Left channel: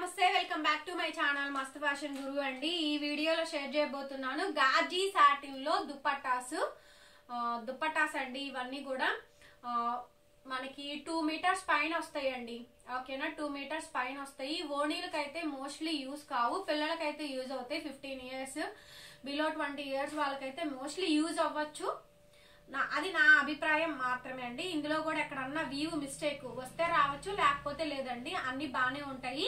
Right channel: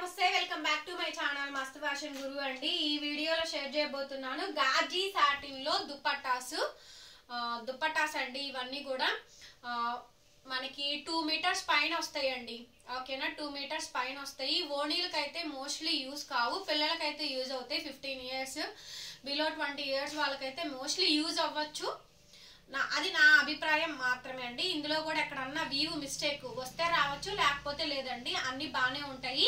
నమస్తే welcome back to my channel మస్త్ fashion గురు అండి. ఈ వీడియోలో షేర్ చేయబోతున్నాను గాజీ సాటిన్ లో దుపట్టాస్ అండి. ఇవన్నీ కూడా మనకి 2 మీటర్స్ పైన వస్తాయండి. ఓకేనా, 2 మీటర్స్ పైన వస్తాయి. ఓణీలకైతే మోస్ట్లీ యూజ్ కావు, పిల్లలకైతే యూజ్ అవుతాయి. 15 ఇయర్స్ బిలో 20 ఇయర్స్ వాళ్ళకైతే మోస్ట్లీ యూజ్ అవ్వచ్చు. అది నా అభిప్రాయం మాత్రమే అండి. ఇందులో కూడా ఎక్కడన్నా వీవ్ మిస్టేక్ వస్తే రావచ్చు, లేకపోతే లేదండి. అన్ని బాగానే ఉంటాయి.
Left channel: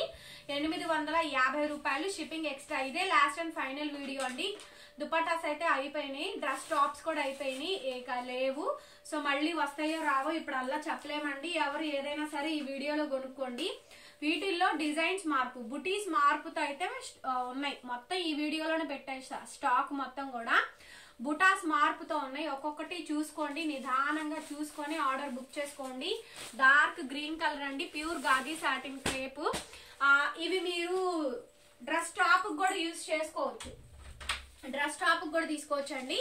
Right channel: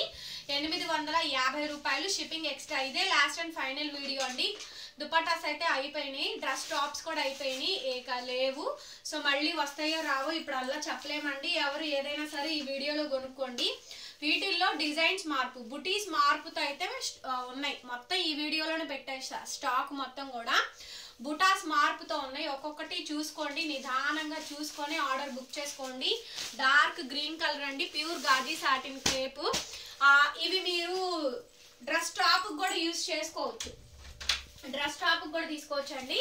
850 రూపాయలు షిప్పింగ్ ఎక్స్ట్రా. ఇదే లాస్ట్ అండ్ ఫైనల్ వీడియో అండి. దుపట్టాస్ అయితే అయిపోయినాయి, డ్రెస్ టాప్స్ కూడా అయిపోయినాయి, లేవు. సో మళ్ళీ వస్తాయో రావో ఇప్పుడు అలా చెప్పలేమండి. ఎవరు ఏదైనా సరే ఈ వీడియోలో కొనుక్కోండి. వీటిల్లో డిజైన్స్ మార్పు, బుటీస్ మార్పుతో అయితే ఉన్నాయి. మొత్తం ఈ వీడియోలోనే పెట్టేస్తా. స్టాక్ మొత్తం కూడా బుటాస్ మార్పుతో ఉన్నాయి. ఒక్కొక్కటి చూసుకోండి, నిదానంగా చూసుకొని ఆర్డర్ బుక్ చేసుకోండి. డార్క్ గ్రీన్ కలర్ అండి, ప్యూర్ గాజీ సాటిన్ క్రేప్. ఇవి మీరు డ్రెస్ టాప్ కూడా యూజ్ చేసుకోవచ్చు, డ్రెస్ టాప్ కూడా తీసుకోవచ్చు అండి.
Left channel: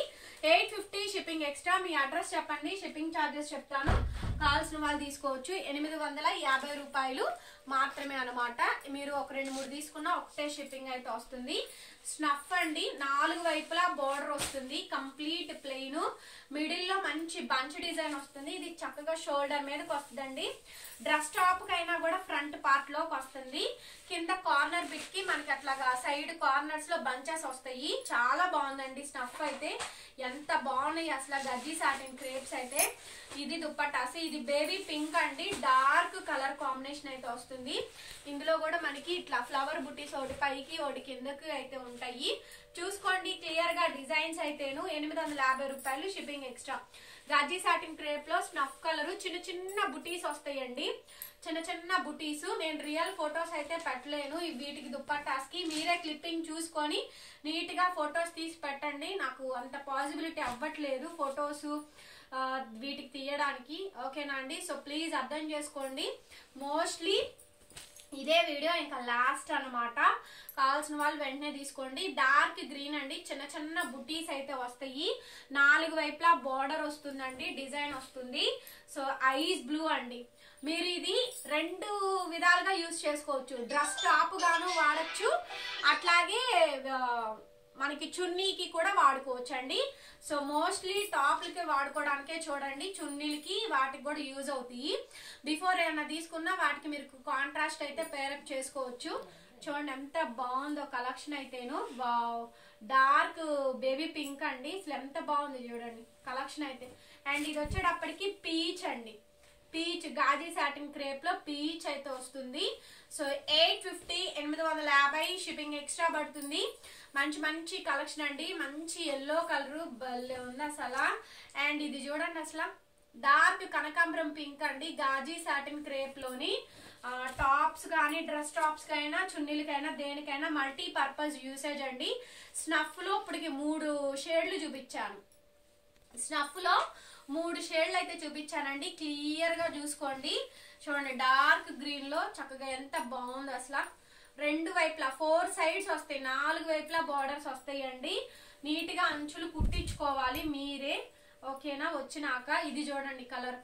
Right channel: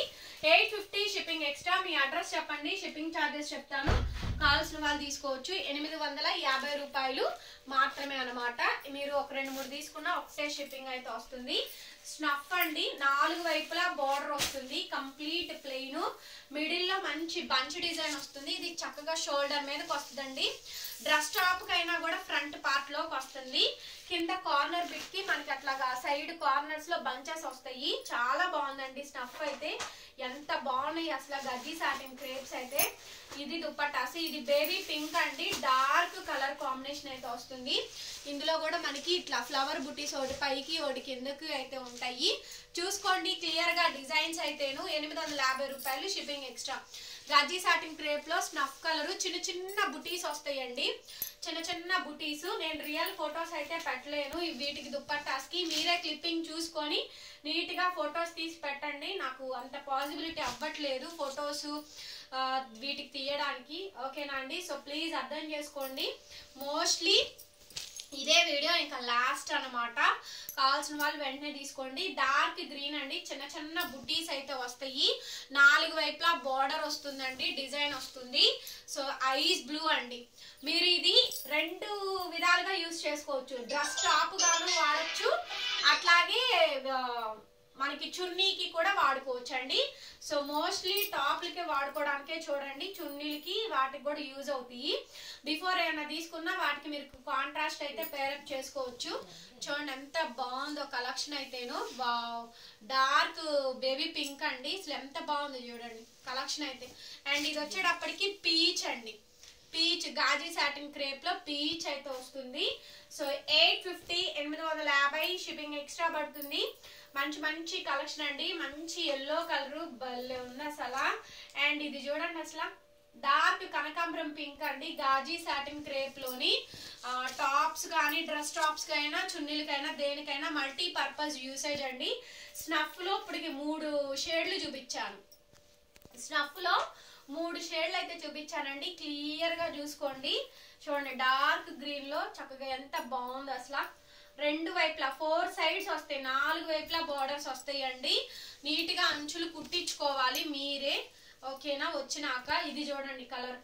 850 షిప్పింగ్ ఎక్స్ట్రా. మీ అడ్రస్ చెప్పండి, షిప్పింగ్ ఛార్జెస్ చెప్తాను. కావాల్సిన వాళ్ళు తీసుకోవచ్చు. 850 రూపాయలు మాత్రమే అనమాట. మీరు ఒక 2-3 తీసుకున్నా ఒకటే షిప్పింగ్ అయితే వస్తుంది. స్నఫ్ అండి, 4 వైపులా బార్డర్ వస్తుంది, కంప్లీట్ ప్లెయిన్. మిడిల్ లో మంచి బంచ్ డిజైన్ వస్తుంది. ఇది చక్కగా షోల్డర్ మీదకి వస్తుందండి. డ్రెస్ టాప్ కైనా కూడా ఫ్రంట్ పార్ట్ లోకి వస్తుంది. కింద కార్నర్ బిట్ కి మనకి అట్లాగా సైడ్ కార్నర్స్ లో బంచెస్ వస్తాయి. చాలా బాగుందండి స్నఫ్ అయితే. ఎంత బాగున్నాయి అసలు గజ్జీ సాటిన్ క్రేప్స్ అయితే. ఇది దుపట్టాస్, ఇది బేబీ పింక్ అండి, డార్క్ కలర్ కాంబినేషన్ అయితే వస్తుంది. ఇందులో కూడా మనకి ఇట్లా ఫ్లవర్ బుటీస్ ఒకటి పైకి ఒకటి కిందకి అయితే ఉంటాయి. చూసుకోండి క్లియర్ గా డిజైన్స్ అయితేను. 850 రూపాయలు షిప్పింగ్ ఎక్స్ట్రా. గజ్జీ సాటిన్ క్రేప్ లో స్నఫ్ కలర్ చిన్న చిన్న బుటీస్ వస్తాయండి, చిన్న చిన్న బుటీస్. నేను రియల్ ఫొటోస్ అయితే పెట్టలేను వీటికి దుపట్టాస్ కి. మీరే క్లిప్పింగ్ చూసుకొని నీట్ గా ఫొటోస్ తీసి పెట్టండి. నాకు అంత పాసిబిలిటీ అవ్వట్లేదు ఫొటోస్ వీటికి తీయడానికి. ఓకేనా అండి, సో ప్లీజ్ అర్థం చేసుకోండి. మోస్ట్లీ ఇదే వీడియో ఇంకా లాస్ట్ అనమాట. కావాల్సిన వాళ్ళు వెంటనే తీసుకోండి. డార్క్ గ్రీన్ అండి, చిన్న చిన్న బుటీస్ అయితే వస్తాయి. 4 వైపులా బార్డర్ వస్తుందండి, డిజైన్ వస్తుంది. సో ఐస్ బ్లూ అండి. మీరు ఇది 2 విధాలుగా యూజ్ చేసుకోవచ్చు. డ్రెస్ టాప్ గాను వాడచ్చు, అట్లాగే మనకి చున్నీకి కూడా వాడుకోవచ్చు అండి. సో మోస్ట్లీ టాప్లకి వాడుకోవడానికే చూడండి, చున్నీలకి వాటికి కూడా యూజ్ అవుతాయి. బిఫోర్ ఏమైనా తీసుకున్నా వాటికి మీరు కాంట్రాస్ట్ అయితే పేరప్ చేసుకోవచ్చు. చూడండి ఎంత బాగుందో కలెక్షన్ అయితేను. డార్క్ బేబీ పింక్ అండి, అసలు ఎంత బాగుందో చూడండి కలెక్షన్ అయితే. అండ్ ఇది వచ్చేటప్పటికి పీచ్ అండి, పీచ్ గాజీ సాటిన్ క్రేప్ లో పీచ్ అయితే వస్తుంది. సో 850 షిప్పింగ్ ఎక్స్ట్రా పడుతుంది. మంచి మంచి కలెక్షన్ అండి. మంచి ఎల్లో కలర్ భలే ఉంది అసలు. అండ్ ఇది చూడండి అసలు డార్క్ కనకాంబరం పింక్ అండి, గాజీ సాటిన్ క్రేప్ లోని టాప్స్ కానీ డ్రెస్ టాప్స్ కైనా చున్నీలకైనా దేనికైనా మల్టీ పర్పస్ యూసేజ్ అండి. స్నఫ్ లో ఇప్పటికి 3 షేడ్లు చూపించాను. స్నఫ్ లో 3 షేడ్లు అయితే చూపించానండి. క్లియర్ గా చూసుకోండి. చూడండి డార్క్ గ్రీన్ లో చక్కగా ఎంత బాగుంది అసలు. 2 వైపులా 4 సైడ్స్ వస్తాయి, 4 వైపులా బార్డర్స్ వస్తాయి అండి. నీట్ గా అంచులు కుట్టించుకోవాలి మీరే. ఓకేనా, వచ్చినాక ఇది చూడండి కలర్.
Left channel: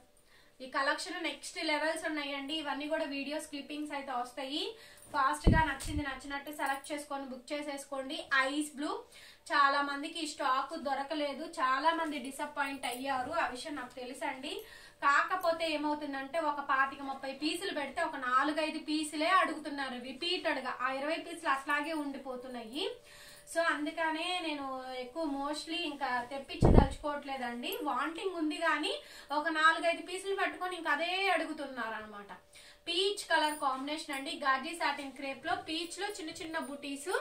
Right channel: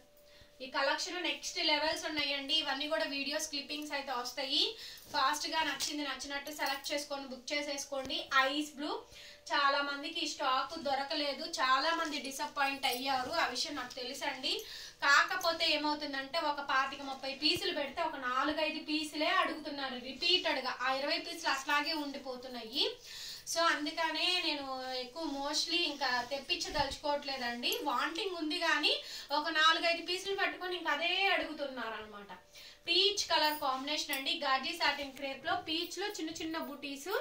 ఈ కలెక్షన్ నెక్స్ట్ లెవెల్స్ ఉన్నాయండి. ఇవన్నీ కూడా వీడియోస్ క్లిప్పింగ్స్ అయితే వస్తాయి. ఫాస్ట్ గా నచ్చినట్టు సెలెక్ట్ చేసుకొని బుక్ చేసేసుకోండి. ఐస్ బ్లూ, చాలా మందికి ఈ స్టాక్ దొరకలేదు, చాలా మంది డిసప్పాయింట్ అయ్యారు. ఆ విషయం నాకు తెలుసండి. కాకపోతే ఏమవుతుందంటే ఒక 25-30 పీసులు పెడితే ఒక 4-5 పీసులే అడుగుతున్నారు రిపీటెడ్ గా. ఆ 20 పీసులు అట్లాగే ఉండిపోతున్నాయి. సో అందుకనే నేను ఎక్కువ మోస్ట్లీ ఇంకా తెప్పించదలుచుకోవట్లేదండి. వాంటింగ్ ఉంది కానీ ఒక 4-5 పీసులు పట్టుకొని ఇంకా అదే అడుగుతున్నారు అనమాట. పీచ్ కలర్ కాంబినేషన్ అండి, గాజీ సాటిన్ క్రేప్ లో పీచ్ లో చిన్న చిన్న బుటీస్.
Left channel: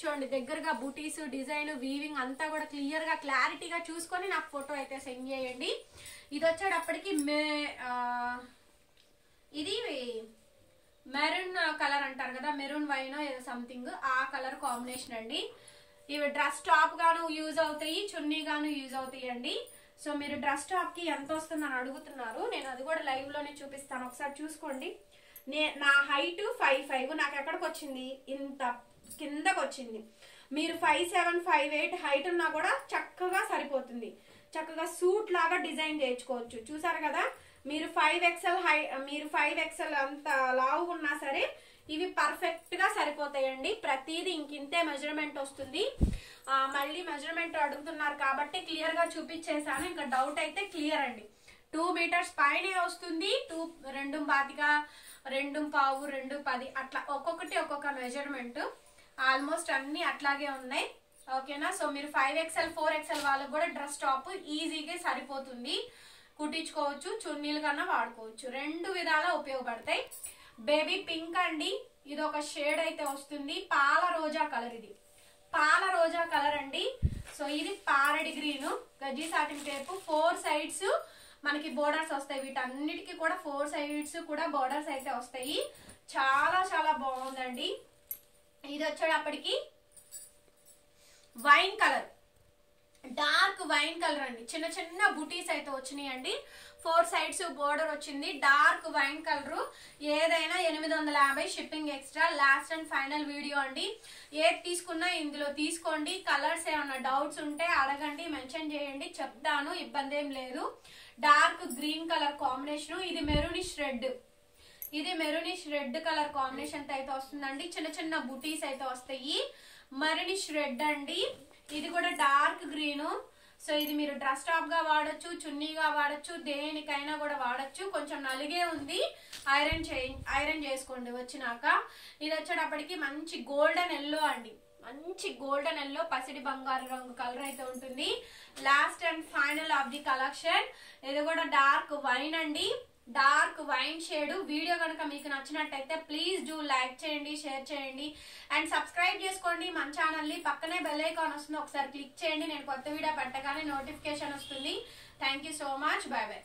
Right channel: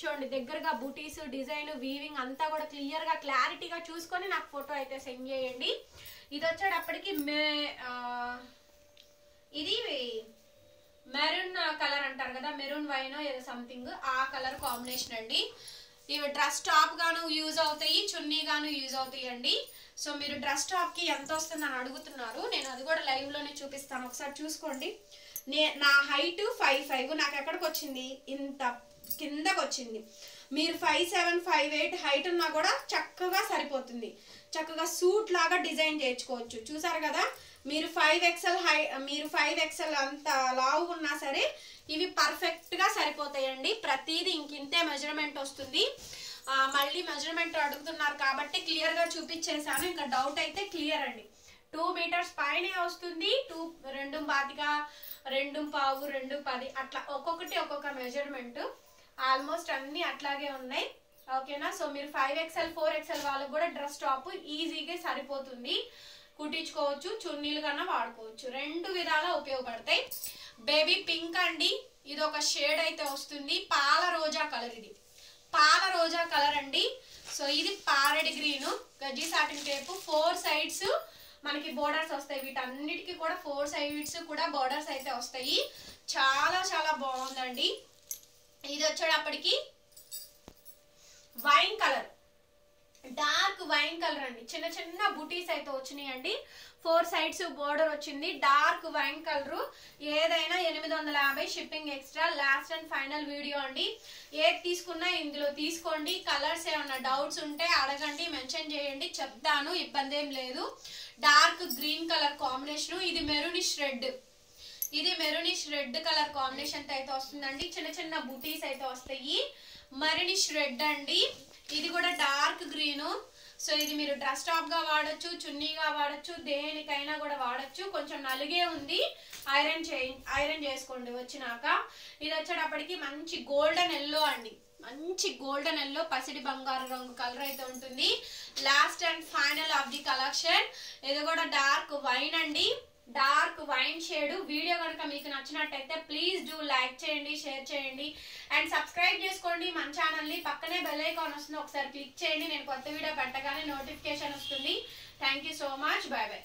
చూడండి దగ్గరగా బుటీస్, డిజైన్, వీవింగ్ అంతా కూడా క్లియర్ గా క్లారిటీగా చూసుకొని నాకు ఫోటో అయితే సెండ్ చేయండి. ఇది వచ్చేటప్పటికి ఇది మెరూన్ కలర్ అంటారు కదా, మెరూన్ వైన్ ఏదో సంథింగ్, ఆ కలర్ కాంబినేషన్ అండి. ఇవి డ్రెస్ టాప్ గాను యూజ్ అవుతాయి, చున్నీ గాను యూజ్ అవుతాయి అండి. సో మీరు డ్రెస్ టాప్ కి ఎంత వస్తుందని అడుగుతున్నారు, నేను అది కూడా లైవ్ లోనే చూపిస్తాను, ఒకసారి చూసుకోండి. నా హైట్ 5'5", నాకు ఎక్కడికి వచ్చింది, ఇంత కిందకు వచ్చింది. మీరు 5'7", 5'8" హైట్ ఉన్నా కూడా చక్కగా సరిపోతుంది. చక్కగా సూట్ లాగా డిజైన్ చేయించుకోవచ్చు. చూసారు కదా, మీరు 5XL అంత లావు ఉన్నా సరే ఇవి పర్ఫెక్ట్ గా సరిపోతాయండి. ప్రతిదీ ఇంకింతే మెజర్మెంట్ వస్తుంది. మళ్ళీ మెజర్మెంట్ అడుగుతున్నారు కాబట్టి క్లియర్ గా చూపించేసాను. ఇంకా డౌట్ అయితే క్లియర్ అండి. 2 మీటర్స్ పైనే వస్తుంది. 2.25, 2.5, 2.10 అట్లా ఒక్కొక్కటి ఒక్కొక్క మెజర్మెంట్. ఆల్మోస్ట్ అన్ని అట్లాగే ఉన్నాయి. ఓకేనా. సో మీరు 5XL 4XL వాళ్ళకి కూడా డ్రెస్ టాప్ ఈజీగా సరిపోతుంది, కుట్టించుకోవచ్చు, చున్నీలు కన్నా వాడుకోవచ్చు. 2 విధాలా ఉపయోగపడతాయి. బేబీ పింక్ అండి, ఇది ఒక షేడ్ అయితే వస్తుంది. పాల రోజా కలర్, ఇది పాల రోజా కలర్ అండి. సో ఇది ప్యారెట్ గ్రీన్, గజ్జి సాటిన్ టేపు, 4 సైడ్స్ మనకి బోర్డర్స్ వస్తాయి. వీటన్నిటికీ కూడా 4 సైడ్స్ కూడా బోర్డర్స్ అయితే వస్తాయి. చాలా చాలా బాగుందండి. ఇది వచ్చేటప్పటికి wine colour, dark wine colour అండి. చిన్న చిన్న బుటీస్ అయితే వచ్చినాయండి. 4 సైడ్స్ బోర్డర్ వచ్చింది. Dark wine colour. ఏదైనా 850 shipping extra. Last and final video అండి. ఏది తీసుకున్నా ఇందులో తీసుకోండి. కలర్స్ ఏమన్నా డౌట్స్ ఉంటే అడగండి, మెన్షన్ చేయండి, చెప్తాను, ఇబ్బంది ఏం లేదు. Dark green colour combination. ఇది మెరూనిష్ రెడ్, ఇది మెరూనిష్ రెడ్ కలర్ కాంబినేషన్ అయితే వస్తుందండి. చిన్న చిన్న బుటీస్ అయితే వస్తాయి. మెరూనిష్ రెడ్ అండి. ఇది కూడా డార్క్ గ్రీన్. సో ఇది మీరు డ్రెస్ టాప్ గా వాడచ్చు, చున్నీగా వాడచ్చు, దేనికైనా కూడా వాడచ్చు. కొంచెం నలిగే ఉంది, ఐరన్ చేసుకోండి వచ్చినాక. ఇది వచ్చేటప్పటికి మంచి గోల్డెన్ ఎల్లో అండి, మంచి గోల్డెన్ ఎల్లో పసిడి బంగారు రంగు కలర్ అయితే ఉంటుంది. Last and final of the collection. ఇది కూడా డార్క్ వైన్ అండి, డార్క్ వైన్ షేడ్. వీడియో కనుక మీకు నచ్చినట్టయితే ప్లీజ్ డూ లైక్ చేయండి, షేర్ చేయండి అండ్ సబ్స్క్రైబ్ చేసుకోండి మన ఛానల్ని. పక్కనే బెల్ ఐకాన్ వస్తుంది, ఒకసారి క్లిక్ చేయండి. నేను కొత్త వీడియో పెట్టగానే నోటిఫికేషన్ వస్తుంది. Thank you so much. By by.